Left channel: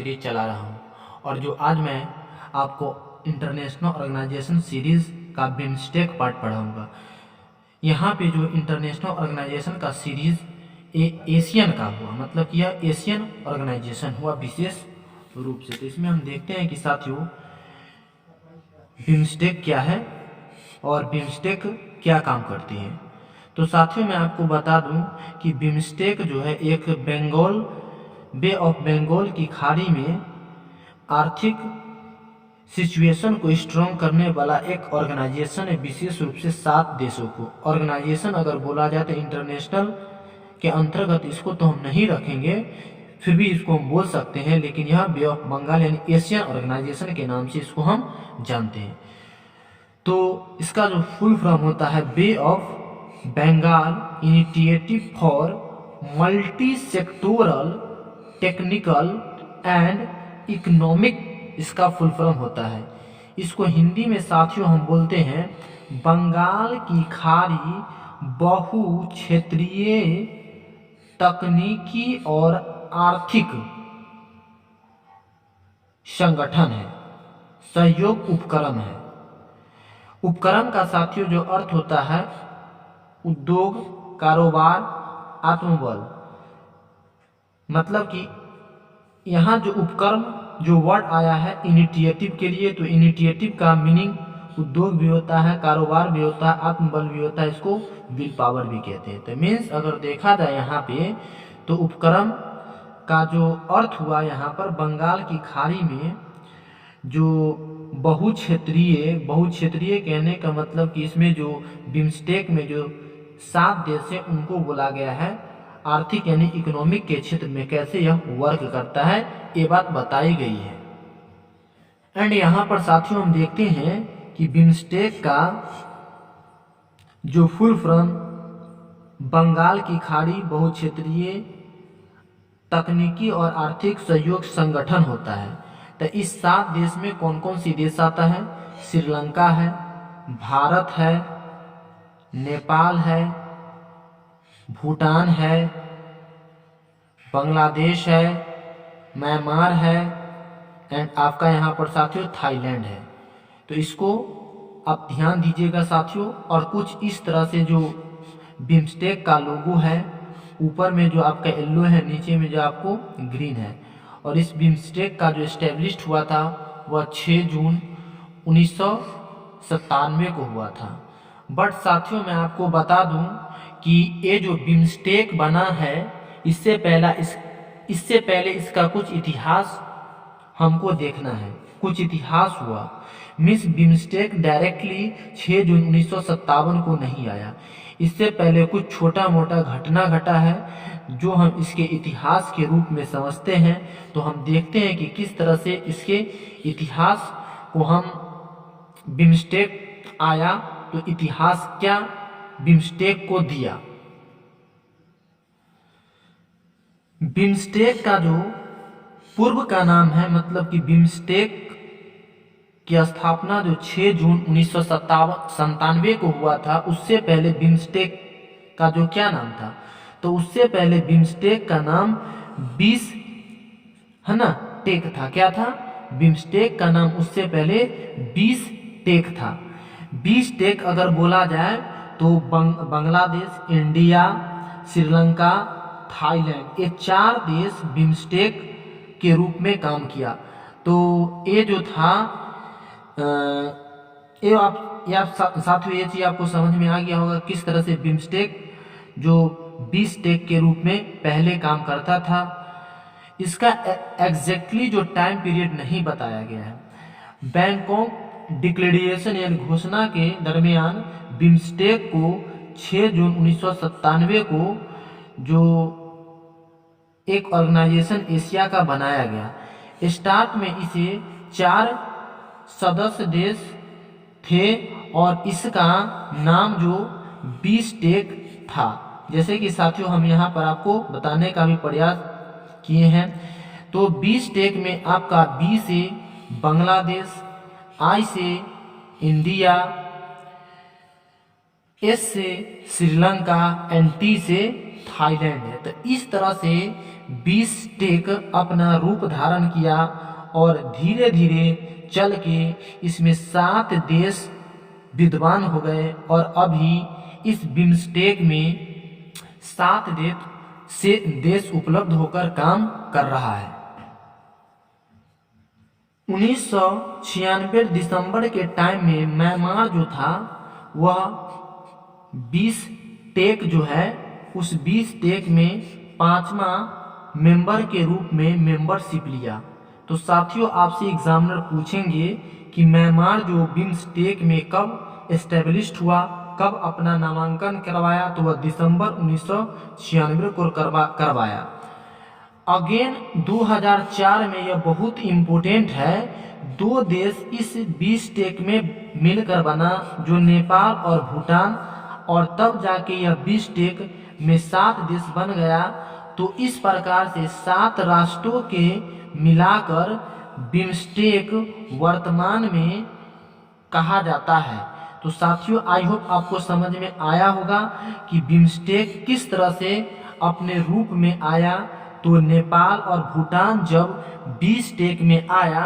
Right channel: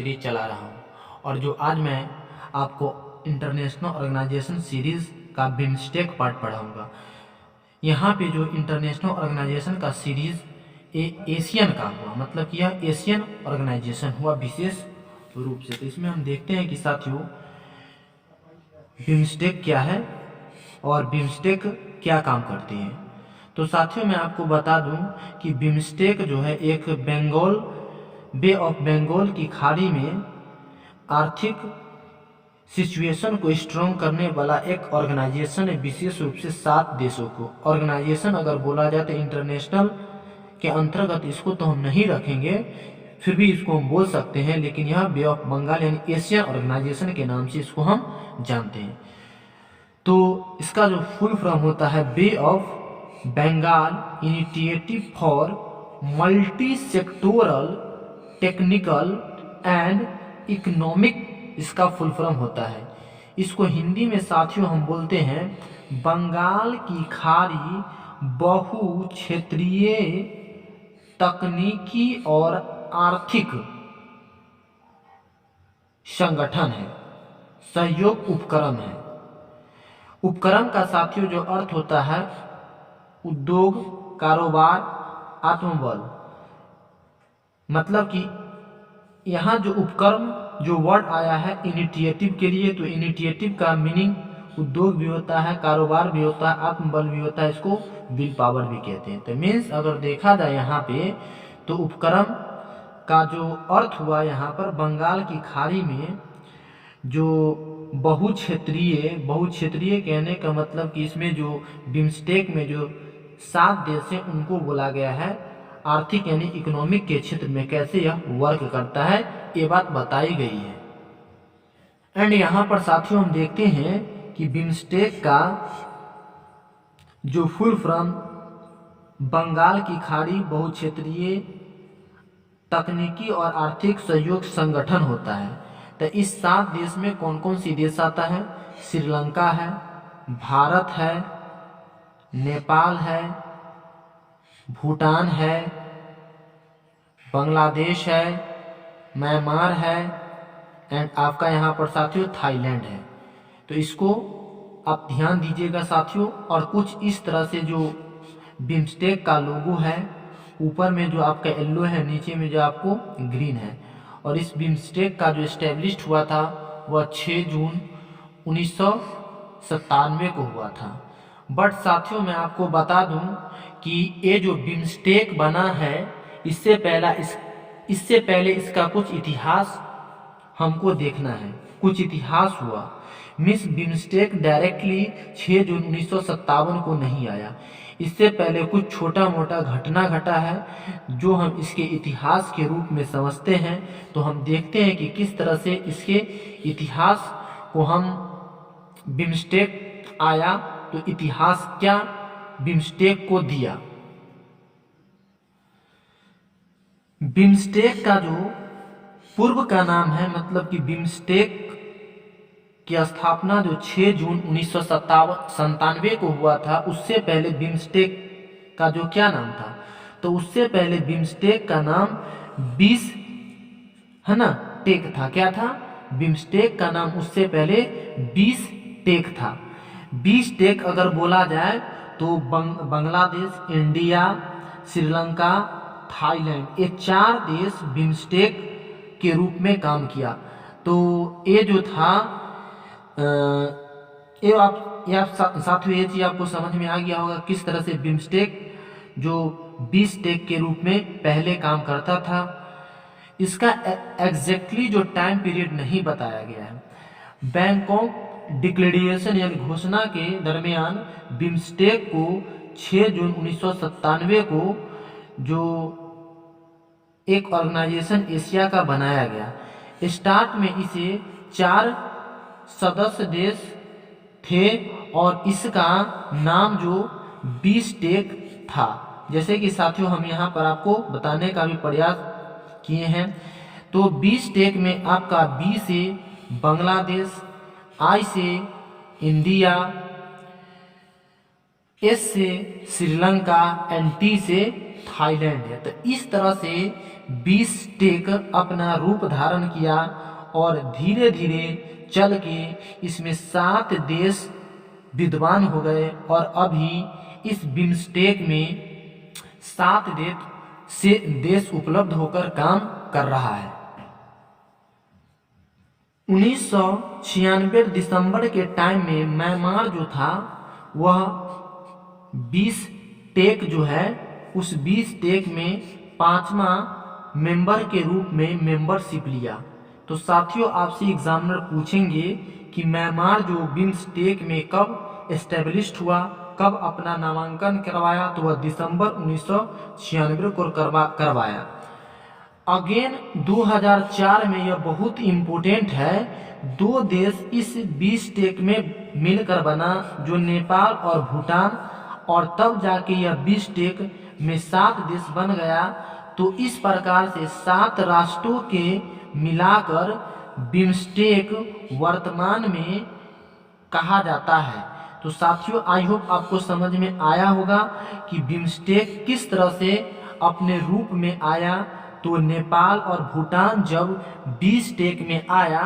Series चला रहा हूँ। और जो आज मैं आपको इंटरनेशनल ऑर्गेनाइजेशन सीरीज़ का बिम्स्टेक पार्ट पढ़ाऊँगा। यहाँ पे जो इंटरनेशनल ऑर्गेनाइजेशन का सीरीज़ एशियन का हुआ, मतलब कि यह एशियन ऑर्गेनाइजेशन हुआ विशेष रूप से। तो इसमें हम देखते हैं कि साथियों बिम्स्टेक क्या है और बिम्स्टेक क्या काम करती है। तो साथियों मैं आपको बता दूं कि बिम्स्टेक जो है एक बे ऑफ बंगाल की खाड़ी में आर्थिक सिचुएशन को स्ट्रॉन्ग करने वाला एक ऑर्गेनाइजेशन है, विशेष रूप से 7 देशों को। ऑर्गेनाइजेशन अगर बोला जाए तो इंटरनेशनल के अंतर्गत इसको तो हम नहीं रखेंगे, फिर भी इसको हम बोल सकते हैं, लेकिन यह बे ऑफ बंगाल यानी एशियन ऑर्गेनाइजेशन के नाम से इसको हम जानते हैं। तो इसका जो फुल फॉर्म होता है bay of Bengal initiative for multi sectoral technical and economic, इसका फुल फॉर्म होता है। इसको हिंदी में साथियों हम बोलते हैं बंगाल की खाड़ी बहु क्षेत्रीय तकनीकी और आर्थिक संगठन है, सहयोग उपक्रम है। उपक्रम का साथियों जो अर्थ होता है उद्योग, कारोबार, आत्मबल, मतलब कि यहाँ जो उपक्रम जो वर्ड आया है इनिशिएटिव के लिए, तो इनिशिएटिव का मीनिंग उद्योग भी होता है, कारोबार भी होता है, आत्मबल भी होता है, इसको विल पावर भी कहते हैं। तो मीन्स अगर देखा जाए यहाँ पे तो उपक्रम का जो अर्थ हुआ यहाँ पर बंगाल की खाड़ी में जो बहुक्षेत्रीय कहने का मतलब कि इसमें जो बिम्स्टेक में जो 7 देश है उनको बोला गया है आर्थिक यानी इकोनॉमिक के क्षेत्र में कैसे यह वर्क करता है, ये बात बताई गई है। एंड यहाँ पर साथियों हम देखते हैं कि बिम्स्टेक का जो फुल फॉर्म बंगाल की खाड़ी बहुक्षेत्रीय तकनीकी और आर्थिक सहयोग संगठन होता है। तो इस 7 देश में कौन कौन सी देश आता है? श्रीलंका है, भारत है, नेपाल है, भूटान है, बांग्लादेश है, म्यांमार है एंड आपका यहाँ पर साथियों थाईलैंड है। तो इसको आप ध्यान दीजिएगा साथियों। और कुछ इस तरह से जो बिम्स्टेक का लोगो है, ऊपर में जो आपका येलो है, नीचे में जो आपको ग्रीन है। और इस बिम्स्टेक का जो एस्टेब्लिश्ड हुआ था वह 6 जून 1997 को हुआ था। बट साथियों मैं आपको बता दूं कि ये जो बिम्स्टेक बना है इससे पहले इसका कुछ इतिहास हमको देखना है। कुछ इतिहास हुआ, मिस बिम्स्टेक डायरेक्टली 6 जून 1957 को नहीं आया। इससे पहले कुछ छोटा मोटा घटना घटा है जो हम इसके इतिहास के रूप में समझते हैं। तो हम देखते हैं कि किस तरह से इसके इतिहास को हम बिम्स्टेक आया तो इतिहास क्या बिम्स्टेक को दिया। बिम्स्टेक का जो पूर्व का नाम है, मतलब कि बिम्स्टेक की स्थापना जो 6 जून 1997 को हुआ था, उससे पहले बिम्स्टेक का जो क्या नाम था, तो उससे पहले बिम्स्टेक का नाम 20 है ना टेक था। क्या था? बिम्स्टेक का नाम उससे पहले 20 टेक था। 20 टेक अगर बोला जाए तो बांग्लादेश, इंडिया, श्रीलंका, थाईलैंड, ये 4 देश बिम्स्टेक के रूप में काम किया। तो ये जो था ये साथियों ये चीज़ आपको समझ में आ गया होगा किस तरह से बिम्स्टेक जो 20 टेक के रूप में पहले काम करता था। इसका एग्जैक्टली जो टाइम पीरियड नहीं बताया गया है। बैंकॉक डिक्लेरेशन यानी घोषणा के दरमियान बिम्स्टेक को 6 जून 1997 को जो एक ऑर्गेनाइजेशन एशिया का बनाया गया। स्टार्ट में इसे 4 सदस्य देश थे और इसका नाम जो 20 टेक था। जैसे कि साथियों हम यहाँ पर आपको बताने का भी प्रयास किए हैं। तो 20 टेक में आपका बी से बांग्लादेश, आई से इंडिया, एस से श्रीलंका एंड टी से थाईलैंड है। तो इस तरह से बिम्स्टेक अपना रूप धारण किया और धीरे धीरे चल के इसमें 7 देश विद्वान हो गए और अभी इस बिम्स्टेक में 7 देश उपलब्ध होकर काम कर रहा है। 1996 दिसंबर के टाइम में म्यांमार जो था वह बिम्स्टेक जो है उस बिम्स्टेक में 5वां मेंबर के रूप में मेंबरशिप लिया। तो साथियों आपसे एग्जामिनर पूछेंगे कि म्यांमार जो बिम्स्टेक में कब एस्टेब्लिश्ड हुआ, कब अपना नामांकन करवाया, तो वह दिसंबर 1996 को करवाया। अगेन 2004 में यह बहुत इम्पोर्टेंट है, 2 देश इस बिम्स्टेक में मिलकर बना जो नेपाल और भूटान, और तब जाके यह बिम्स्टेक में 7 देश बन गया। तो इस प्रकार से 7 राष्ट्रों के मिलाकर बिम्स्टेक वर्तमान में कहा जाता है। तो साथियों आई होप आपको समझ में आया होगा कि बिम्स्टेक किस तरह से अपने रूप में आया। तो नेपाल और भूटान जब बिम्स्टेक में आया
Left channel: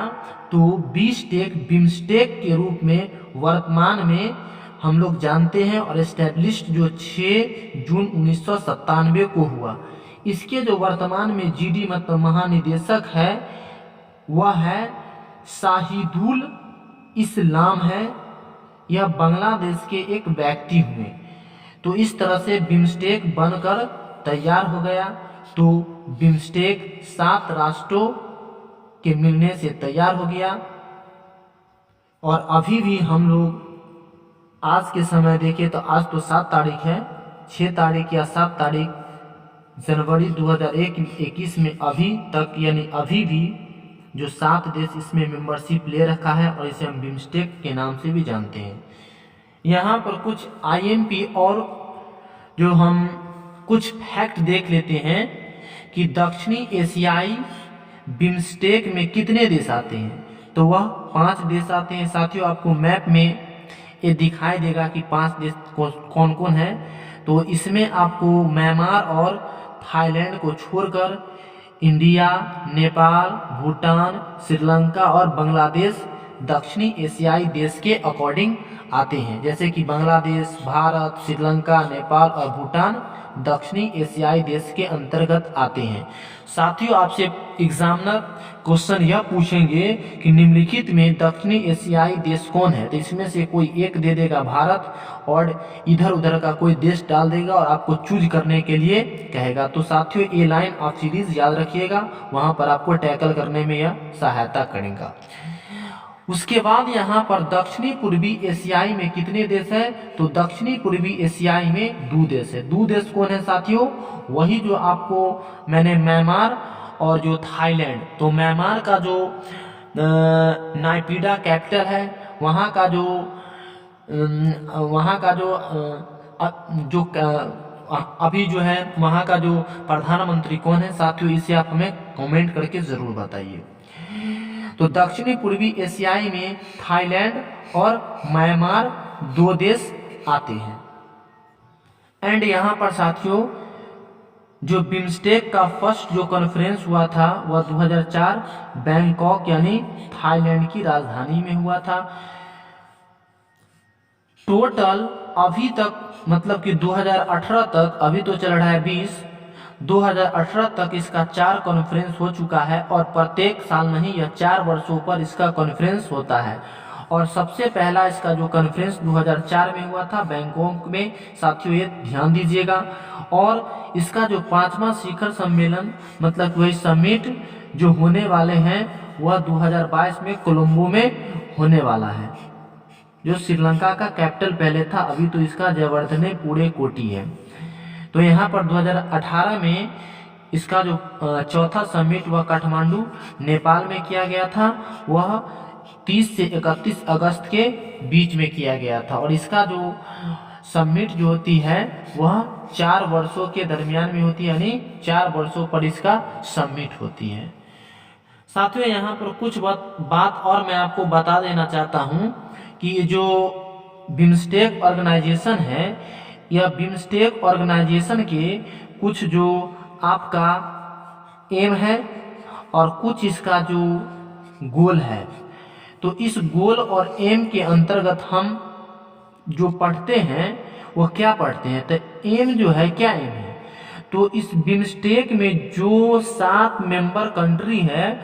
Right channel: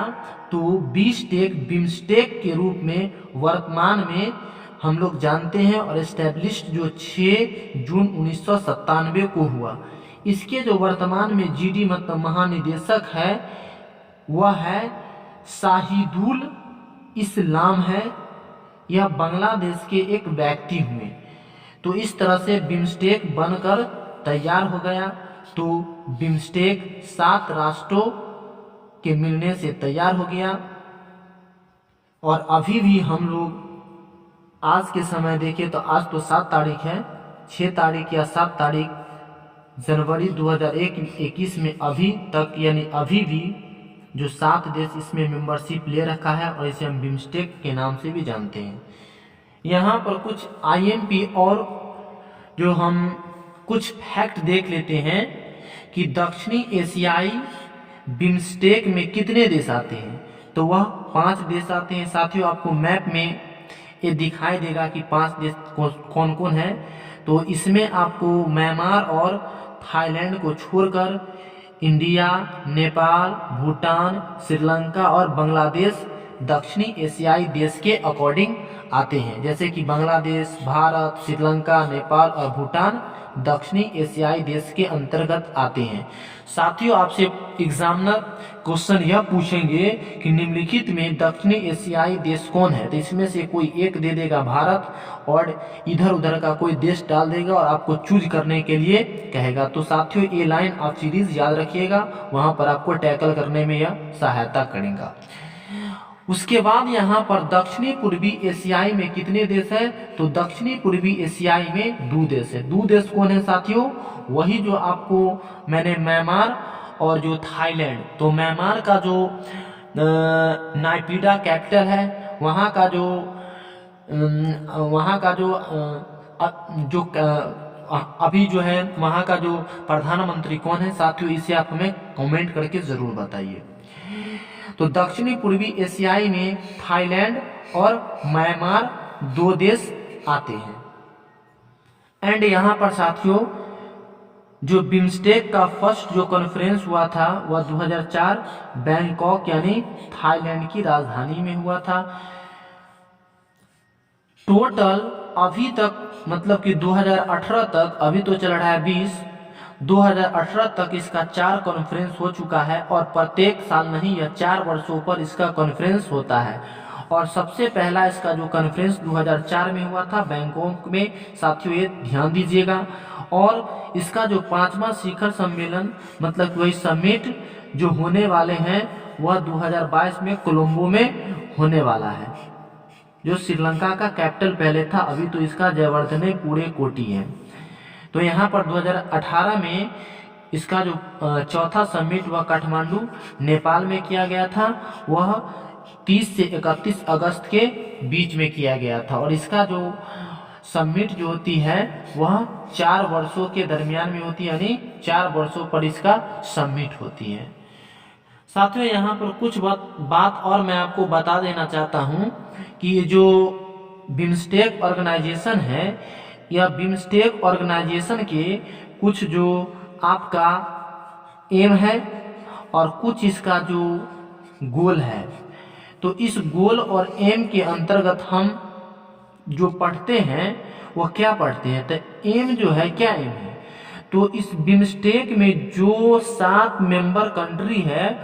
तो बिम्स्टेक के रूप में वर्तमान में हम लोग जानते हैं और एस्टेब्लिश्ड जो 6 जून 1997 को हुआ। इसके जो वर्तमान में जीडी मतलब महानिदेशक है वह है शाहिदुल इस्लाम है। यह बांग्लादेश के एक व्यक्ति हुए। तो इस तरह से बिम्स्टेक बनकर तैयार हो गया। तो बिम्स्टेक 7 राष्ट्रों के मिलने से तैयार हो गया और अभी भी हम लोग आज के समय देखें तो आज तो 7 तारीख है, 6 तारीख या 7 तारीख जनवरी 2021 में अभी तक यानी अभी भी जो 7 देश इसमें मेंबरशिप ले रखा है और इसे हम बिम्स्टेक के नाम से भी जानते हैं। यहाँ पर कुछ आईएमपी और जो हम कुछ फैक्ट देख लेते हैं कि दक्षिणी एशियाई बिम्स्टेक में कितने देश आते हैं। तो वह 5 देश आते हैं। साथियों आपको मैप में ये दिखाई देगा कि 5 देश कौन कौन है। तो इसमें आपको म्यांमार और थाईलैंड को छोड़कर इंडिया, नेपाल, भूटान, श्रीलंका और बांग्लादेश दक्षिणी एशियाई देश के अकॉर्डिंग आते हैं। जैसे कि बांग्लादेश, भारत, श्रीलंका, नेपाल और भूटान दक्षिणी एशियाई देश के अंतर्गत आते हैं। साथियों आपसे एग्जामिनर क्वेश्चन यह पूछेंगे कि निम्नलिखित में दक्षिणी एशियाई देश कौन है। तो इसमें से कोई एक दे देगा भारत और इधर उधर का कोई देश डाल देगा और आपको चूज करने के लिए कहेगा। तो साथियों ये लाइन आप सीरीज याद रखिएगा, वहां पर आपको टैकल करने में यह सहायता करेगा। उसके बाद यहाँ पर दक्षिणी पूर्वी एशियाई में कितने देश है। तो दक्षिणी पूर्वी एशियाई में 2 देश है। 2 देश कौन है साथियों, वही जो आपको मैंने म्यांमार और जो थाईलैंड। तो म्यांमार का जो नायपीडा कैपिटल है वहाँ का जो अभी जो है वहाँ का जो प्रधानमंत्री कौन है साथियों, इसे आप हमें कमेंट करके ज़रूर बताइए। तो दक्षिणी पूर्वी एशियाई में थाईलैंड और म्यांमार 2 देश आते हैं। एंड यहाँ पर साथियों जो बिम्स्टेक का फर्स्ट जो कॉन्फ्रेंस हुआ था वह 2004 बैंकॉक यानी थाईलैंड की राजधानी में हुआ था। टोटल अभी तक मतलब कि 2018 तक, अभी तो चल रहा है 2018 तक इसका 4 कॉन्फ्रेंस हो चुका है और प्रत्येक साल नहीं यह 4 वर्षों पर इसका कॉन्फ्रेंस होता है। और सबसे पहला इसका जो कॉन्फ्रेंस 2004 में हुआ था बैंकॉक में। साथियों ये ध्यान दीजिएगा। और इसका जो 5वां शिखर सम्मेलन मतलब वही समिट जो होने वाले हैं वह 2022 में कोलंबो में होने वाला है, जो श्रीलंका का कैपिटल पहले था, अभी तो इसका जयवर्धने पूरे कोटी है। तो यहाँ पर 2018 में इसका जो 4था समिट वह काठमांडू नेपाल में किया गया था। वह 30 से 31 अगस्त के बीच में किया गया था। और इसका जो समिट जो होती है वह 4 वर्षों के दरमियान में होती है, यानी 4 वर्षों पर इसका समिट होती है। साथियों यहाँ पर कुछ बात और मैं आपको बता देना चाहता हूँ कि ये जो बिम्स्टेक ऑर्गेनाइजेशन है, यह बिम्स्टेक ऑर्गेनाइजेशन के कुछ जो आपका एम है और कुछ इसका जो गोल है। तो इस गोल और एम के अंतर्गत हम जो पढ़ते हैं वो क्या पढ़ते हैं, तो एम जो है, क्या एम है, तो इस बिम्स्टेक में जो 7 मेंबर कंट्री है,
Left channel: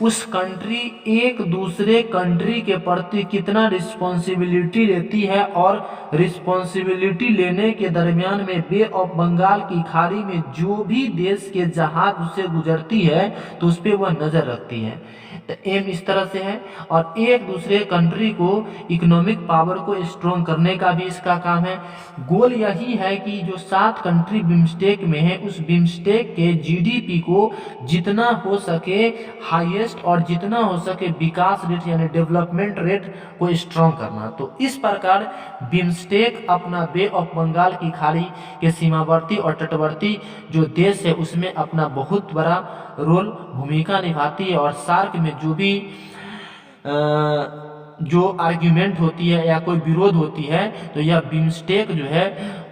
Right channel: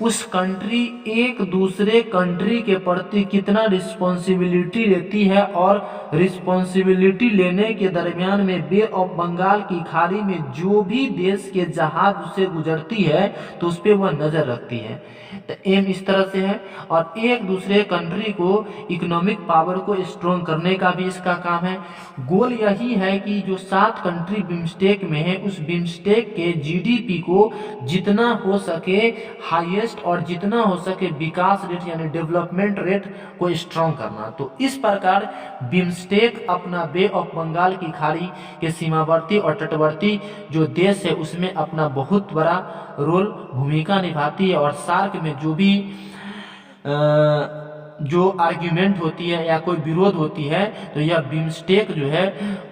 उस कंट्री एक दूसरे कंट्री के प्रति कितना रिस्पॉन्सिबिलिटी लेती है, और रिस्पॉन्सिबिलिटी लेने के दरमियान में बे ऑफ बंगाल की खाड़ी में जो भी देश के जहाज उससे गुजरती है तो उस पर वह नज़र रखती है। तो एम इस तरह से है। और एक दूसरे कंट्री को इकोनॉमिक पावर को स्ट्रॉन्ग करने का भी इसका काम है। गोल यही है कि जो 7 कंट्री बिम्स्टेक में है, उस बिम्स्टेक के जीडीपी को जितना हो सके हाईएस्ट और जितना हो सके विकास रेट यानी डेवलपमेंट रेट को स्ट्रॉन्ग करना। तो इस प्रकार बिम्स्टेक अपना बे ऑफ बंगाल की खाड़ी के सीमावर्ती और तटवर्ती जो देश है उसमें अपना बहुत बड़ा रोल भूमिका निभाती है। और सार्क में जो भी जो आर्ग्यूमेंट होती है या कोई विरोध होती है तो यह बिम्स्टेक जो है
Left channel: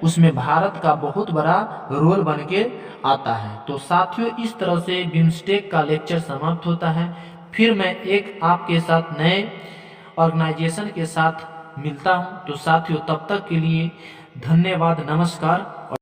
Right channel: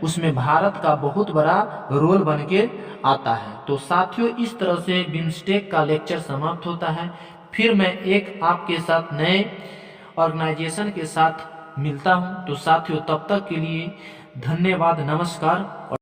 उसमें भारत का बहुत बड़ा रोल बन के आता है। तो साथियों, इस तरह से बिम्स्टेक का लेक्चर समाप्त होता है। फिर मैं एक आपके साथ नए ऑर्गेनाइजेशन के साथ मिलता हूं। तो साथियों, तब तक के लिए धन्यवाद, नमस्कार और